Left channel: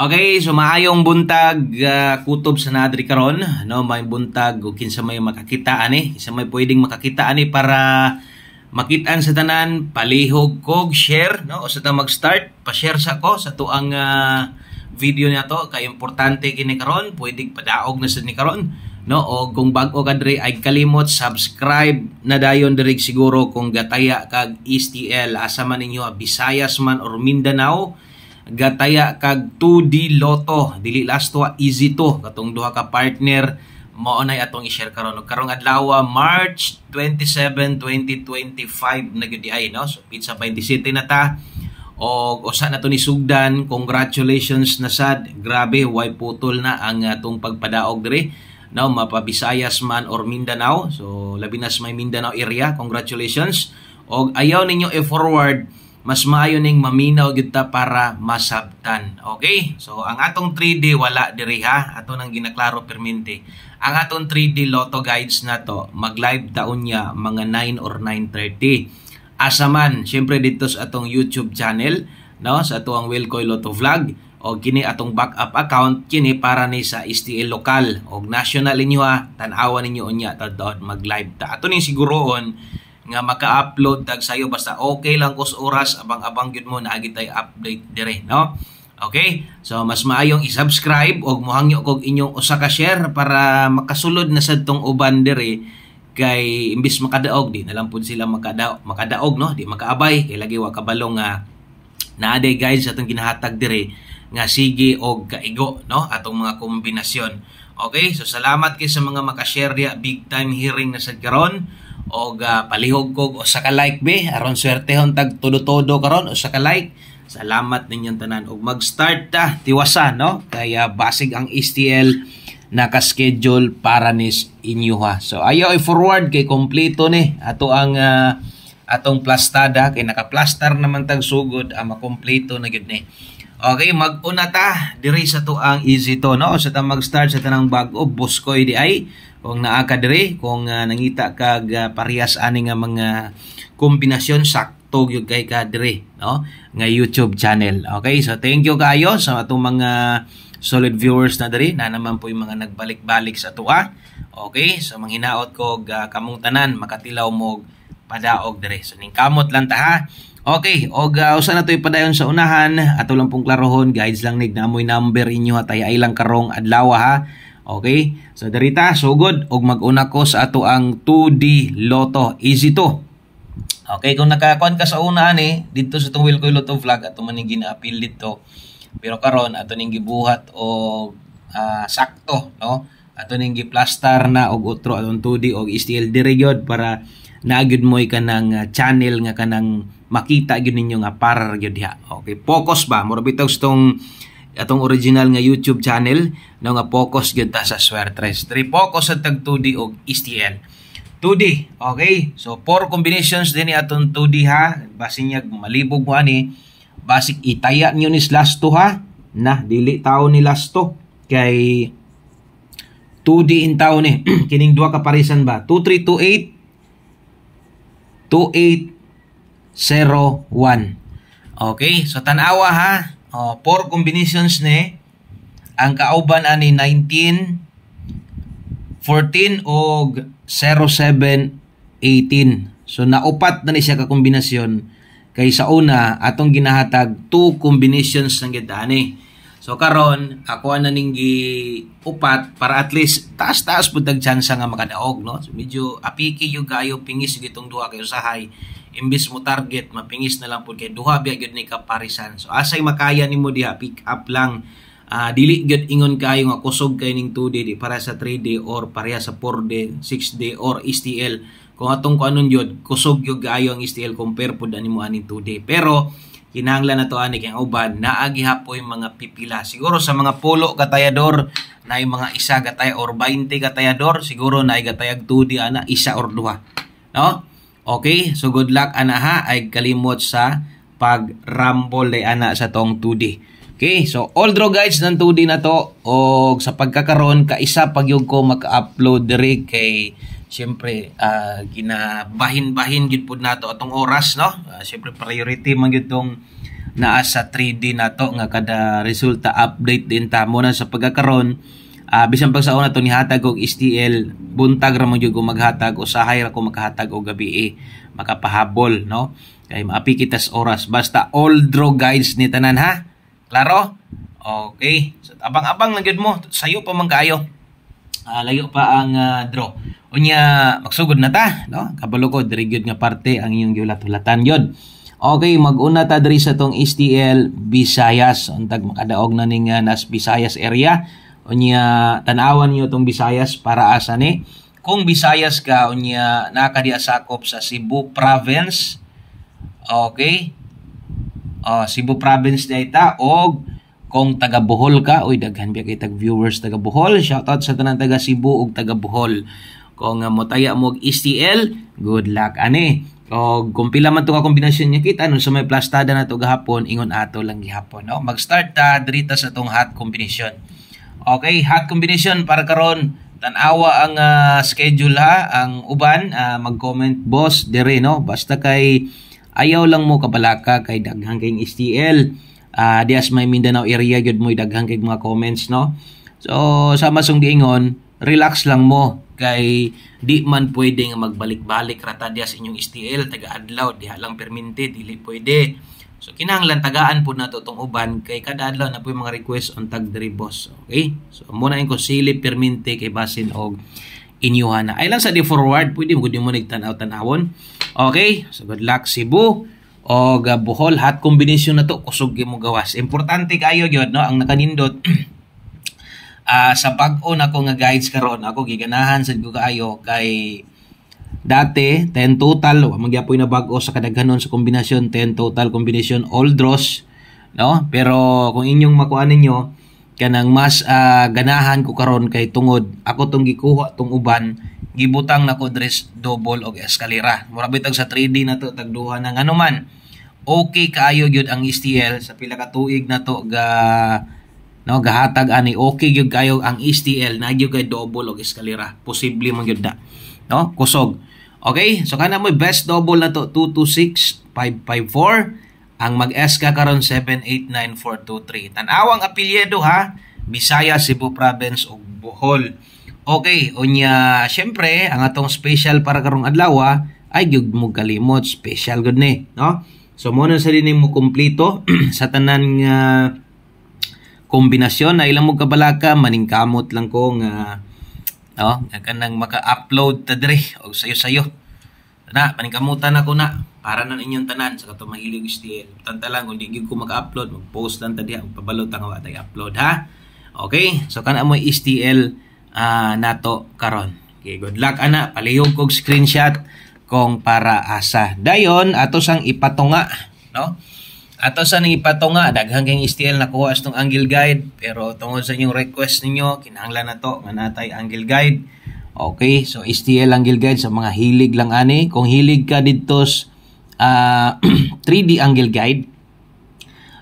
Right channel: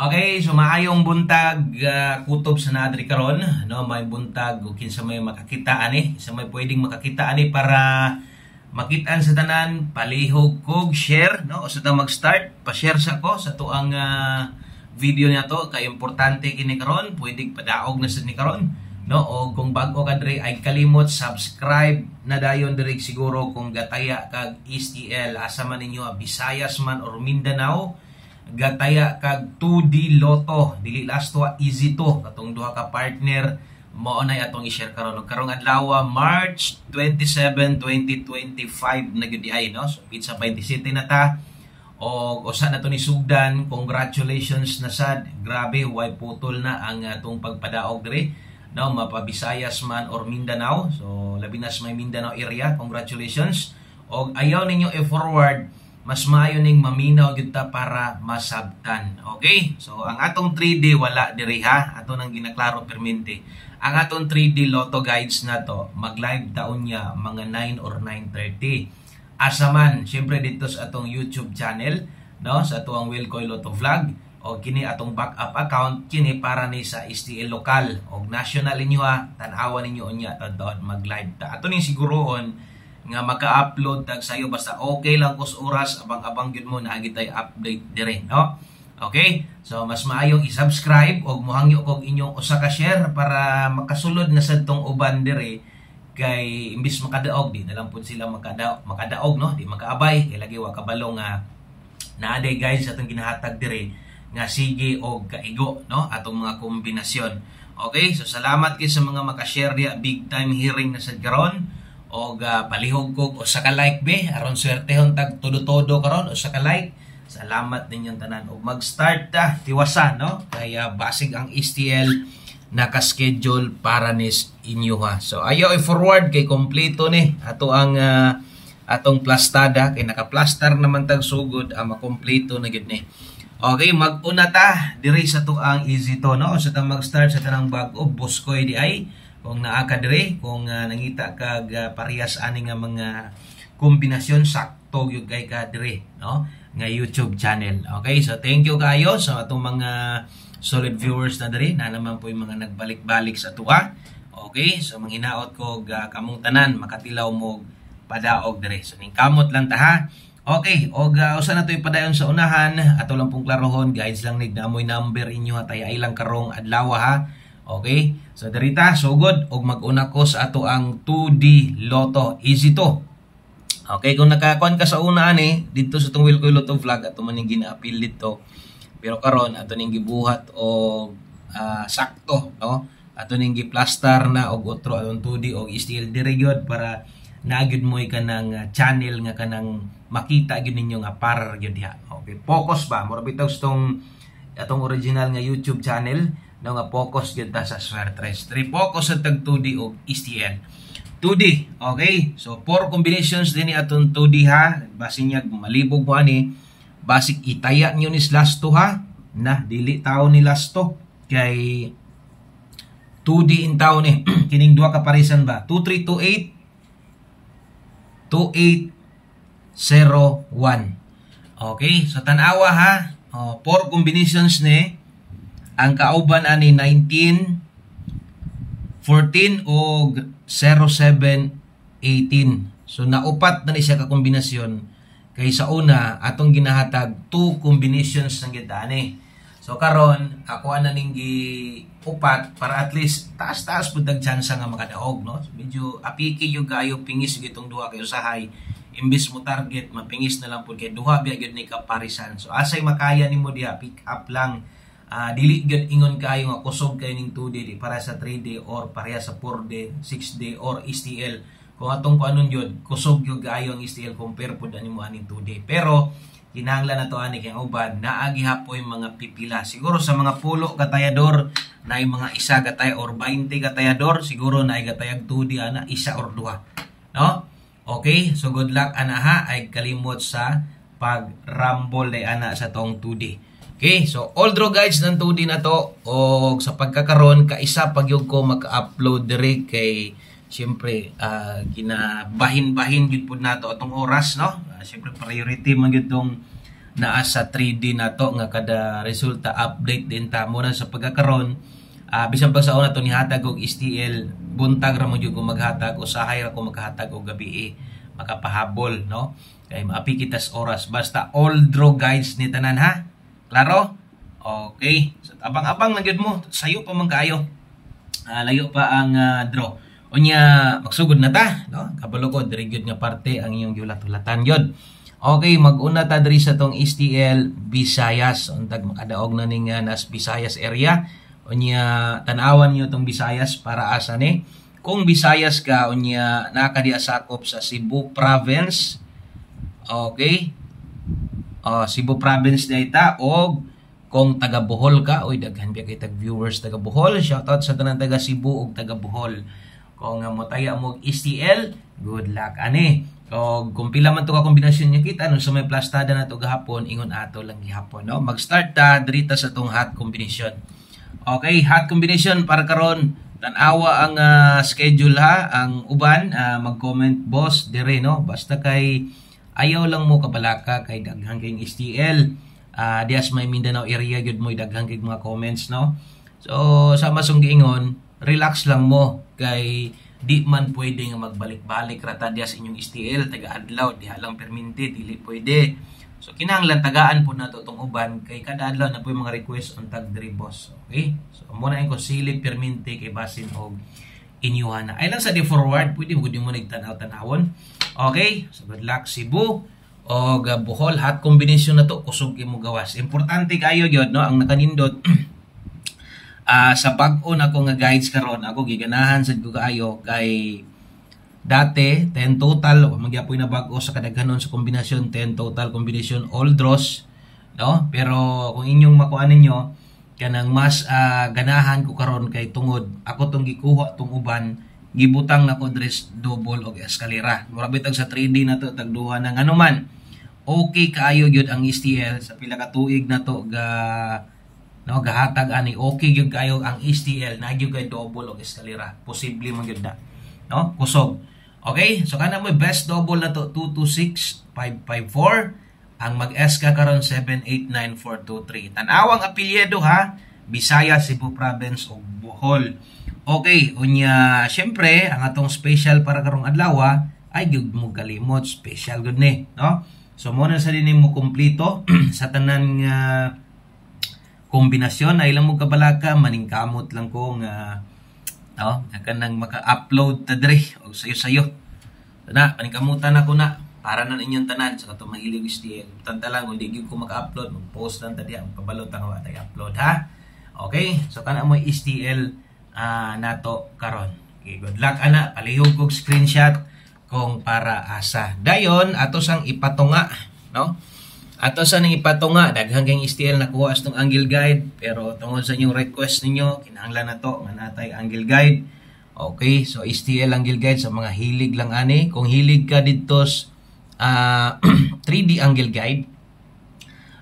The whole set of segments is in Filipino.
Okay, so maayong buntag kutob sa nadri karon, no, may buntag ug kinsa may makakita ani, kinsa may pwedeng makakita ani para makitaan sa tanan, palihog kog share, no, sa ta mag-start, pa-share sa ko sa tuang video nato kay importante kini karon, pwedeng padaog na sa ni karon, no, o kung bag-o ka diri ay kalimot subscribe na dayon diri siguro kung gataya kag STL asa man ninyo Visayas man or Mindanao. Gataya kag 2D Lotto, dili last to easy to katong duha ka partner mao nay atong i-share karon karong adlaw March 27, 2025 na gyud ay, no, so pizza 27 na ta og usa na to ni sugdan. Congratulations na sad, grabe way putol na ang atong pagpadaog diri, no, mapabisayas man or Mindanao, so labi na sa may Mindanao area, congratulations. Og ayaw ninyo i-forward, mas maayo ning maminaw gyud ta para masabtan. Okay? So ang atong 3D wala diri ha, ato nang ginaklaro permente. Ang atong 3D Lotto guides na to mag-live taon niya mga 9 or 9:30. Asa man, syempre dito sa atong YouTube channel, no, sa atong Wilcoy Lotto Vlog, o kini atong backup account kini para ni sa STL lokal og national inyo ha, tan-awan ninyo unya tadto mag-live ta. Ato ning siguroon nga maka-upload tag sayo basta okay lang kus oras abang-abang gyud mo naagi tay update dire, no. Okay, so mas maayong i-subscribe og mohangyo kog inyong usa ka share para makasulod na sad tong uban dire kay imbis makadaog di na lang pud sila makadaog, no, di makaabay kay lagi wa kabalong nga naaday guys atong ginahatag dire nga sige og kaigo, no, atong mga kombinasyon. Okay, so salamat kay sa mga maka-share dia, big time hearing na sad karon. Og palihog kog usa ka like be aron swertehon tag todo-todo karon usa ka like. Salamat ninyong tanan og mag-start ta tiwasa, no, kaya basig ang STL naka-schedule para nis inyo ha. So ayaw i-forward kay kompleto ni ato ang atong plastada kay naka-plaster naman tag sugod makompleto na gid ni. Okay, mag-una ta diri sa tuang easy to, no, sa ta mag-start sa tanang bag-o buskoy di ay kung naa ka diri, kung nangita kag parehas ani nga mga kombinasyon sakto gyud kay ka diri, no, nga YouTube channel. Okay, so thank you kaayo sa atong mga solid viewers na diri na naman po yung mga nagbalik-balik sa tuwa. Okay, so manghinaot ko kamong tanan makatilaw mo padaog diri. So ning kamot lang ta ha. Okay, og usa na to ipadayon sa unahan, ato lang pong klarohon, guys lang nig namoy number inyo hatay ay lang karong adlaw ha. Okay, so darita sugod og mag-una ko sa ato ang 2D Lotto, easy to. Okay, kung nakakuan ka sa una ani dito sa tong Wilcoy Lotto Vlog ato man ning gina-appeal dito. Pero karon ato ning gibuhat o sakto, no, ato ning gi-plaster na og otro atong 2D og STL diri gyud para naagid mo kanang channel nga kanang makita gyud ninyo nga parar gyud diha. Okay, focus ba mura bitaw tong atong original nga YouTube channel, no, nga focus gyud ta sa Swertres. Diri focus sa tag 2D og STL. 2D, okay? So 4 combinations din ni atong 2D ha. Basin niya malibog mo ani. Basic itaya niyo ni last 2 ha. Na dili tawo ni last 2 kay 2D in tawo ni. Kining duha ka parisan ba? 2328 2801. Okay, so tanawa ha. 4 combinations ni ang kauban ani 19 14 og 07 18. So naupat na ni siya ka kombinasyon kay sa una atong ginahatag 2 combinations ng gidani. So karon ako na ning upat para at least taas-taas pud tag chance nga makadaog, no. So medyo apiki yung kayo pingis gitong duha kay usahay. Imbis mo target mapingis na lang pud kay duha biya gyud ni kaparisan. So asay makaya nimo diha pick up lang. Dili gyud ingon kayo nga kusog kay ning 2D di para sa 3D or pareha sa 4D, 6D or STL. Kung atong kuanon gyud kusog gyud kayo ang STL compare pud ani mo aning 2D. Pero kinahanglan na to ani kay uban naagi hapoy mga pipila. Siguro sa mga pulo katayador na mga isa gatay or 20 katayador siguro na gatayag 2D ana isa or duha, no. Okay, so good luck ana ha, ay kalimot sa pag-rumble de ana sa tong 2D. Okay, so all draw guys ng 2D na to og sa pagkakaron kaisa pag yung ko maka-upload diri kay siyempre ginabahin-bahin gyud pud nato atong oras, no. Siyempre priority man gyud tong naa sa 3D nato nga kada resulta update din ta mo na sa pagkakaron. Bisan pag sa una to ni hatag og STL, buntag ra mo jud ko maghatag, usahay ra ko maghatag og gabi makapahabol, no? Kay maapi kita sa oras, basta all draw guides ni tanan, ha? Klaro? Okay. So abang-abang lang gyud mo, sayo pa man kaayo. Layo pa ang draw. Unya magsugod na ta, no? Kabalo ko diri gyud nga parte ang inyong giulat-ulatan gyud. Okay, mag-una ta diri sa tong STL Visayas. Untag makadaog na ning nas Visayas area. Unya tan-awan niyo tong Visayas para asa ni. Kung Visayas ka, unya nakadiya sakop sa Cebu province. Okay? Cebu province dayta, og kung taga Bohol ka, oy daghan biya kay tag viewers taga Bohol. Shoutout sa tanan taga Cebu ug taga Bohol. Kung motaya mo og STL, good luck ani. O kung pila man to ka kombinasyon niya kita nun sa may plastada na to gahapon, ingon ato lang gihapon, no? Mag-start ta dirita sa tong hot combination. Okay, hot combination para karon tan-awa ang schedule, ha. Ang uban mag-comment boss dire, no? Basta kay ayaw lang mo kabalaka kay daghang kay STL. Dias may Mindanao area gyud mo daghang kay mga comments, no? So sama song diingon, relax lang mo kay di man pwede nga magbalik-balik rata diya sa inyong STL taga-adlaw, diha lang perminti, dili pwede. So kinahanglan tagaan po nato tong uban kay kada adlaw na po yung mga request on tag diri boss. Okay? So muna ko silip perminti kay basin og inyuhan na. Ay lang sa di forward, pwede mo gud mo nagtan-aw-tanawon. Okay? So good luck Cebu o Bohol, hot combination na to, kusog mo gawas. Importante kayo gyud, no, ang nakanindot. Sa pag-on ako nga guides karon, ako giganahan sad ko kaayo kay dati 10 total, magyapoy na bag-o sa kadaghanon sa kombinasyon, 10 total combination all draws, no? Pero kung inyong makuha ninyo kanang mas ganahan ko karon kay tungod ako tong gikuha tong uban, gibutang nako dress double og eskalera. Mura bitag sa 3D na to tagduha ng anuman. Okay kaayo gyud ang STL sa pila ka tuig na to no, gahatag ani, okay gyud kayo ang STL na gyud kay double og eskalera, posible man gyud na, no, kusog. Okay, so kana mo best double na to 226-554, ang mag-eska karon 789-423. Tan-awang apelyido, ha, Bisaya, Cebu province ug Bohol. Okay, unya syempre ang atong special para karong adlaw ay gyud mo kalimot, special gud ni, no? So mo na sa din mo kumpleto sa tanan nga kombinasyon na ilang mo kabalaka, maningkamot lang ko nga kanang maka-upload ta dire o sayo-sayo. Na, paningkamutan ako na para na inyong tanan sa katong mahilig STL. Tanta lang kung di ko maka-upload, mag-post lang ta diha, pabalot ang watay upload, ha. Okay? So kana mo STL nato karon. Okay, good luck ana, palihog kog screenshot kung para asa. Dayon ato sang ipatunga, no? Ato sa nang ipatunga, daghang kang STL nakuha sa itong angle guide, pero tungod sa inyong request ninyo, kinahanglan na to, manatay angle guide. Okay, so STL angle guide sa mga hilig lang ani. Kung hilig ka dito 3D angle guide,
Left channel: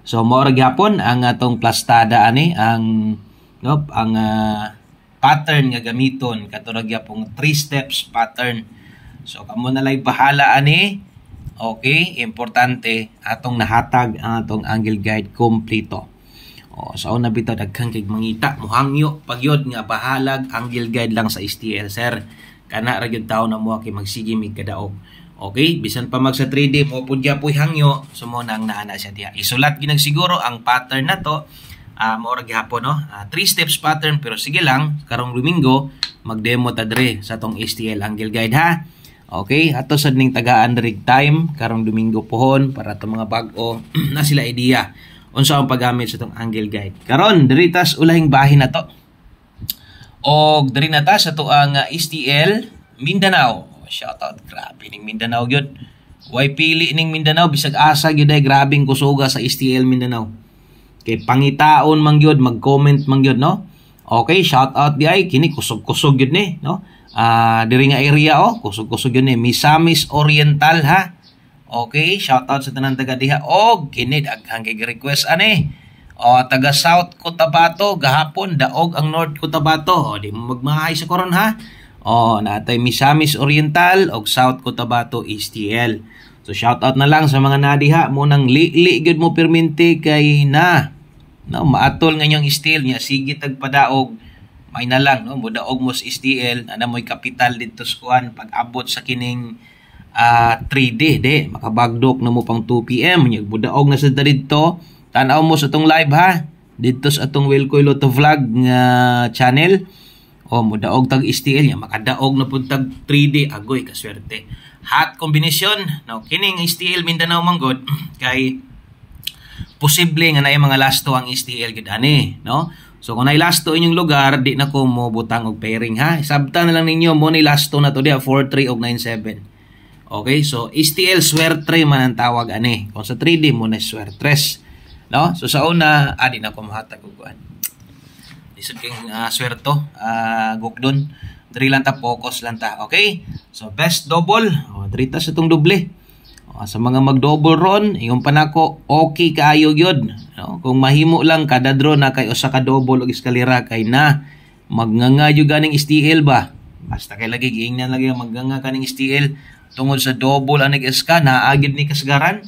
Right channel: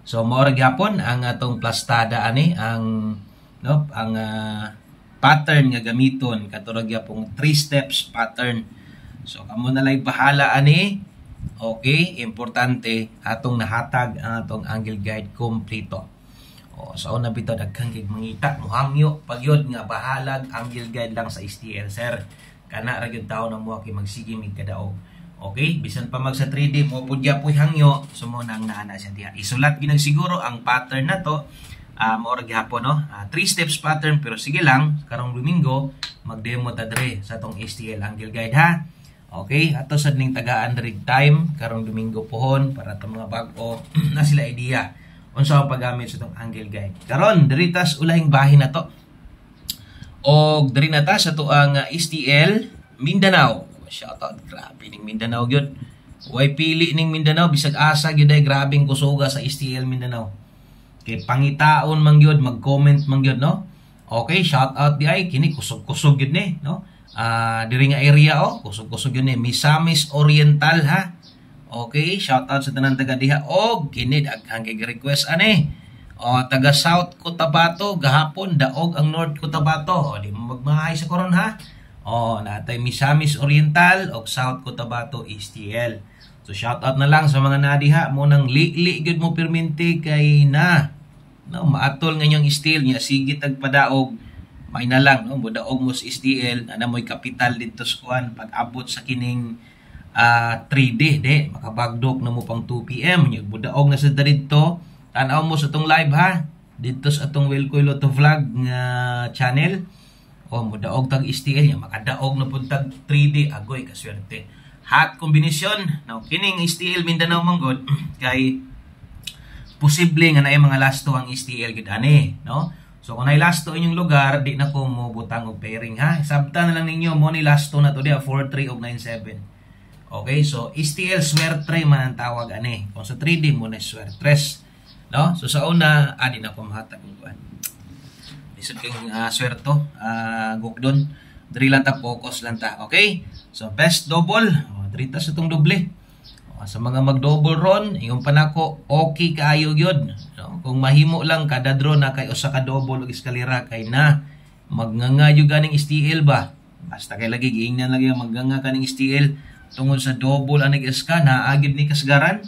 so mao ra gyapon ang atong plastada ani, ang pattern nga gamiton, katurag gyapon 3 steps pattern. So kamo na lay bahala ani. Okay, importante atong nahatag ang atong angle guide kompleto. Sa una bitaw daghang kay mangita, muhangyo pagyod nga bahalag angle guide lang sa STL, sir. Kana ra gyud tawo na mo kay magsige mig kadaog. Okay, bisan pa mag sa 3D mo pud gyapon hangyo, sumo nang naana siya diha. Isulat ginag siguro ang pattern na to. Mao ra gyapon, no? 3 steps pattern, pero sige lang karong Domingo mag-demo ta dire sa tong STL angle guide, ha. Okay, ato sad ning tagaan rig time karong Domingo pohon para to mga bag-o na sila idea unsa ang paggamit sa tong angle guide. Karon diri tas ulahing bahin na to. Og diri na ta sa to ang STL Mindanao. Shout out, grabe ning Mindanao gyud. Way pili ning Mindanao, bisag asa gyud ay grabing kusuga sa STL Mindanao. Kay pangitaon man gyud, mag-comment man gyud, no? Okay, shout out di ay kini kusog-kusog gyud ni, no? Diri nga area kusog-kusog yun ni Misamis Oriental, ha. Okay, shout out sa tanan taga diha. Og kini daghang kay request ani. Taga South Cotabato gahapon daog ang North Cotabato. Di mo magmahay sa karon, ha. Natay Misamis Oriental og South Cotabato STL. So shout out na lang sa mga nadiha mo nang li gud mo perminti kay na no maatol nga inyong steel nya sige tagpadaog may na lang no mudaog mo sa STL ana mo'y kapital dito sa kuan pag abot sa kining 3D de makabagdok na mo pang 2 PM nya mudaog na sa dito tan-aw mo sa tong live ha dito sa atong Wilcoy Lotto Vlog nga channel o mudaog tag STL nya makadaog na pud tag 3D agoy kaswerte hot combination no kining STL Mindanao manggod kay posible nga naay mga lasto ang STL gid ani no so kung naay lasto inyong lugar di na ko mo butang og pairing ha sabta na lang ninyo mo ni lasto na to dia 43 og 97 okay so STL swerte man ang tawag ani kung sa 3D mo na swertres no so sa una adi na ko mahatag og kuan isip king swerto gukdon diri lang ta focus lang ta okay so best double diri ta sa tong doble sa mga mag-double ron yung panako okay kaayo gyud no? Kung mahimo lang kada draw na kay usa ka double og eskalera kay na magnganga jud ganing STL ba basta kay lagi giingnan lagi magnganga kaning STL tungod sa double anig eska na agid ni kasgaran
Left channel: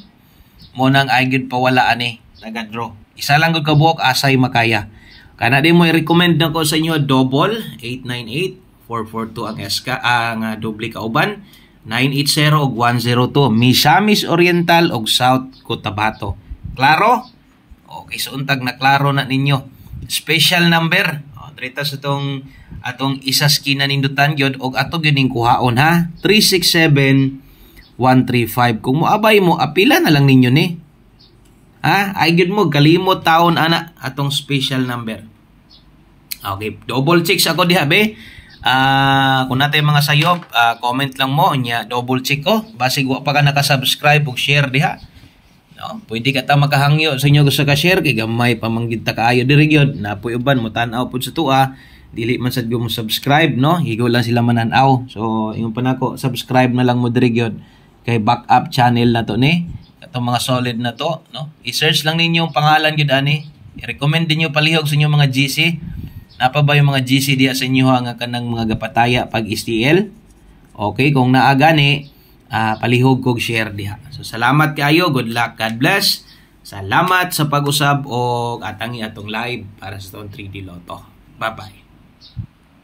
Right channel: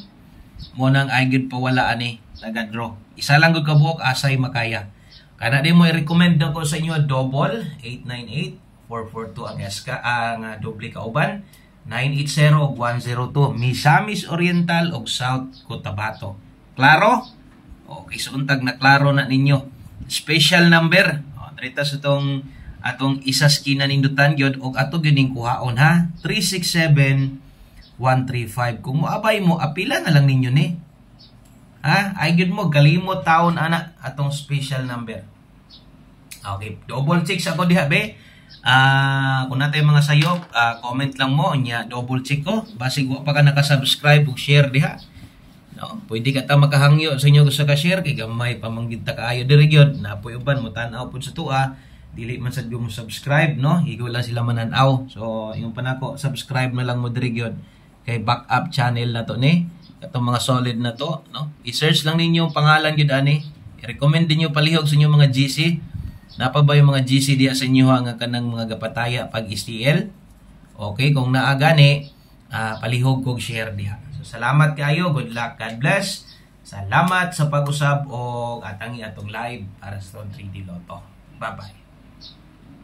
mo nang agid pawala ani taga draw isa lang gud ka buok asay makaya kana di mo i-recommend nako sa inyo double 898 442 ang eska ang doble kauban 980 ug 102 Misamis Oriental ug South Cotabato. Klaro? Okay, so untag na klaro na ninyo. Special number. Trita sa atong isas kinanindutan gyud og ato gyud ning kuhaon ha. 367135. Kung moabay mo apila na lang ninyo ni. Ha? Ay gyud mo kalimot taon ana atong special number. Okay, double check ako diha be. Kung natay mga sayop comment lang mo nya double check ko basig wa pa ka naka-subscribe ug share diha no pwede ka ta makahangyo sa inyo gusto ka share kay gamay pa manggid ta kaayo diri gyud napoy uban mo tan-aw pud sa tua dili man sad mo subscribe no higo lang sila manan-aw so ingon pa nako subscribe na lang mo diri gyud kay backup channel na to ni katong mga solid na to no i-search lang ninyo ang pangalan gyud ani i-recommend dinyo palihog sa inyo mga GC napa ba yung mga GC diya sa inyo nga kanang mga gapataya pag STL? Okay, kung naa gani, palihog kog share diha. So salamat kayo, good luck, God bless. Salamat sa pag-usab og atangi atong live para sa 3D Lotto. Bye-bye.